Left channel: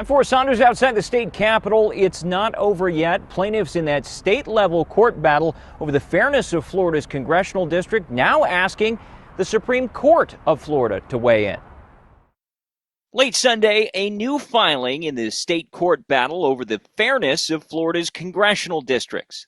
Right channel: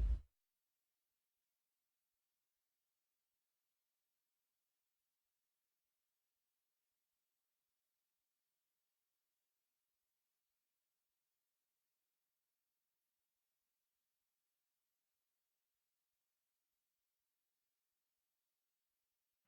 I'm Forrest Saunders outside the state capitol. It's not over yet. Plaintiffs in that state-level court battle over the fairness of Florida's congressional district now asking the Supreme Court of Florida to weigh in. Late Sunday, a new filing in the state court battle over the fairness of Florida's congressional districts.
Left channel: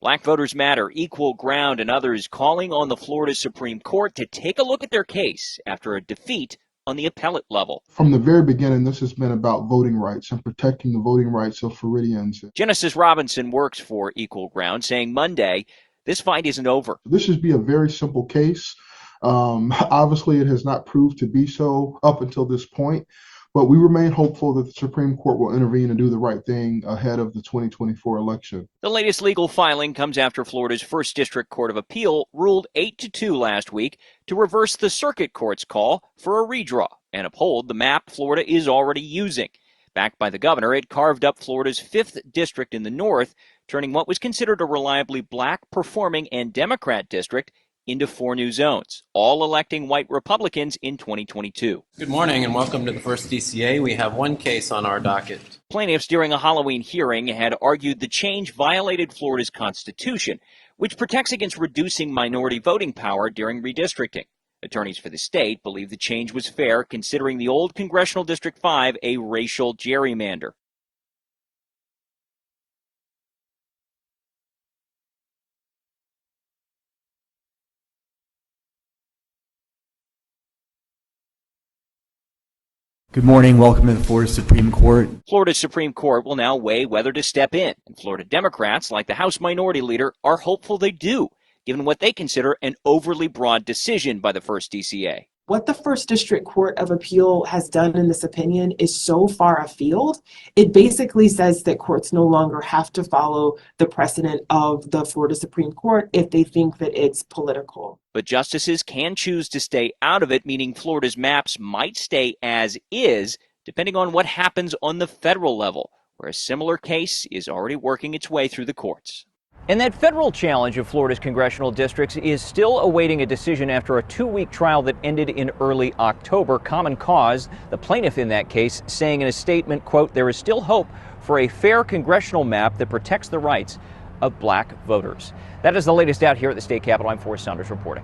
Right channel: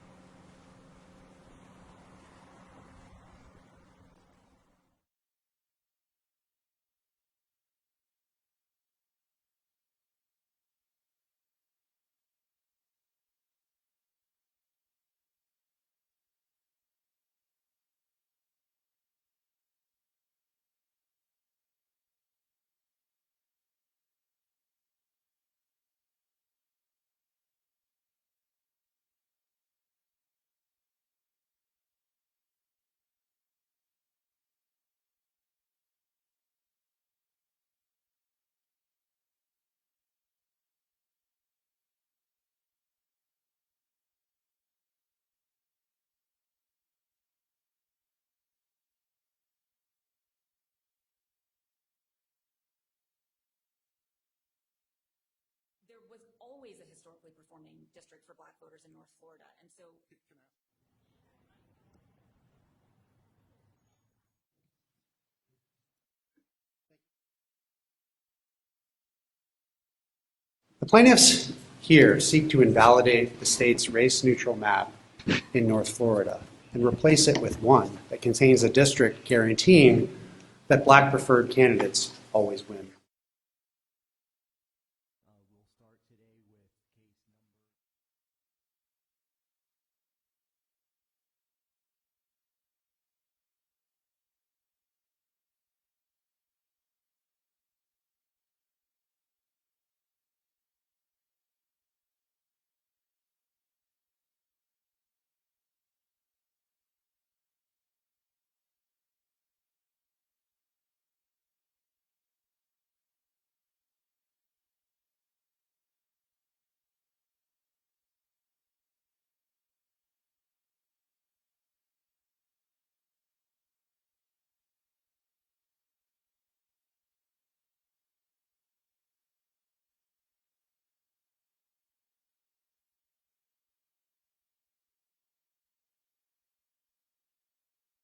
Black Voters Matter, Equal Ground, and others calling on the Florida Supreme Court to take a look at their case after a defeat on the appellate level. From the very beginning, this has been about voting rights and protecting the voting rights of Floridians. Genesis Robinson works for Equal Ground, saying Monday, this fight isn't over. This should be a very simple case. Obviously, it has not proved to be so up until this point, but we remain hopeful that the Supreme Court will intervene and do the right thing ahead of the 2024 election. The latest legal filing comes after Florida's First District Court of Appeal ruled 8-2 last week to reverse the circuit court's call for a redraw and uphold the map Florida is already using. Backed by the governor, it carved up Florida's 5th district in the north, turning what was considered a reliably black-performing and Democrat district into 4 new zones, all electing white Republicans in 2022. Good morning and welcome to the First DCA. We have one case on our docket. Plaintiffs during a Halloween hearing had argued the change violated Florida's Constitution, which protects against reducing minority voting power during redistricting. Attorneys for the state believe the change was fair, considering the old Congressional District 5 a racial gerrymander. The plaintiffs here seek to invalidate the state's race-neutral map in North Florida and replace it with one that contains a district guaranteeing that black preferred candidates always win. Good morning. Welcome to the Florida Supreme Court. Florida's Supreme Court will now weigh whether to step in, and Florida Democrats, like the House Minority Leader, are hopeful they do, given what they consider an overly broad decision by the First DCA. What the First District Court of Appeal has done in this opinion is so far afield. It basically says that courts no longer have to follow the precedent of the Florida Supreme Court if they think that it's political. But justices can choose to stay out of it, meaning Florida's maps might stay as is, depending on what happens on the federal level, where a similar case is already working its way through the courts. And that federal challenge of Florida's congressional districts is still awaiting a decision after a 2-week trial that ended in early October. Common Cause, the plaintiff in that case, saying in a statement, quote, "There is still hope for a fair congressional map that protects the rights of black voters." That is the latest out here at the state capitol. I'm Forrest Saunders reporting.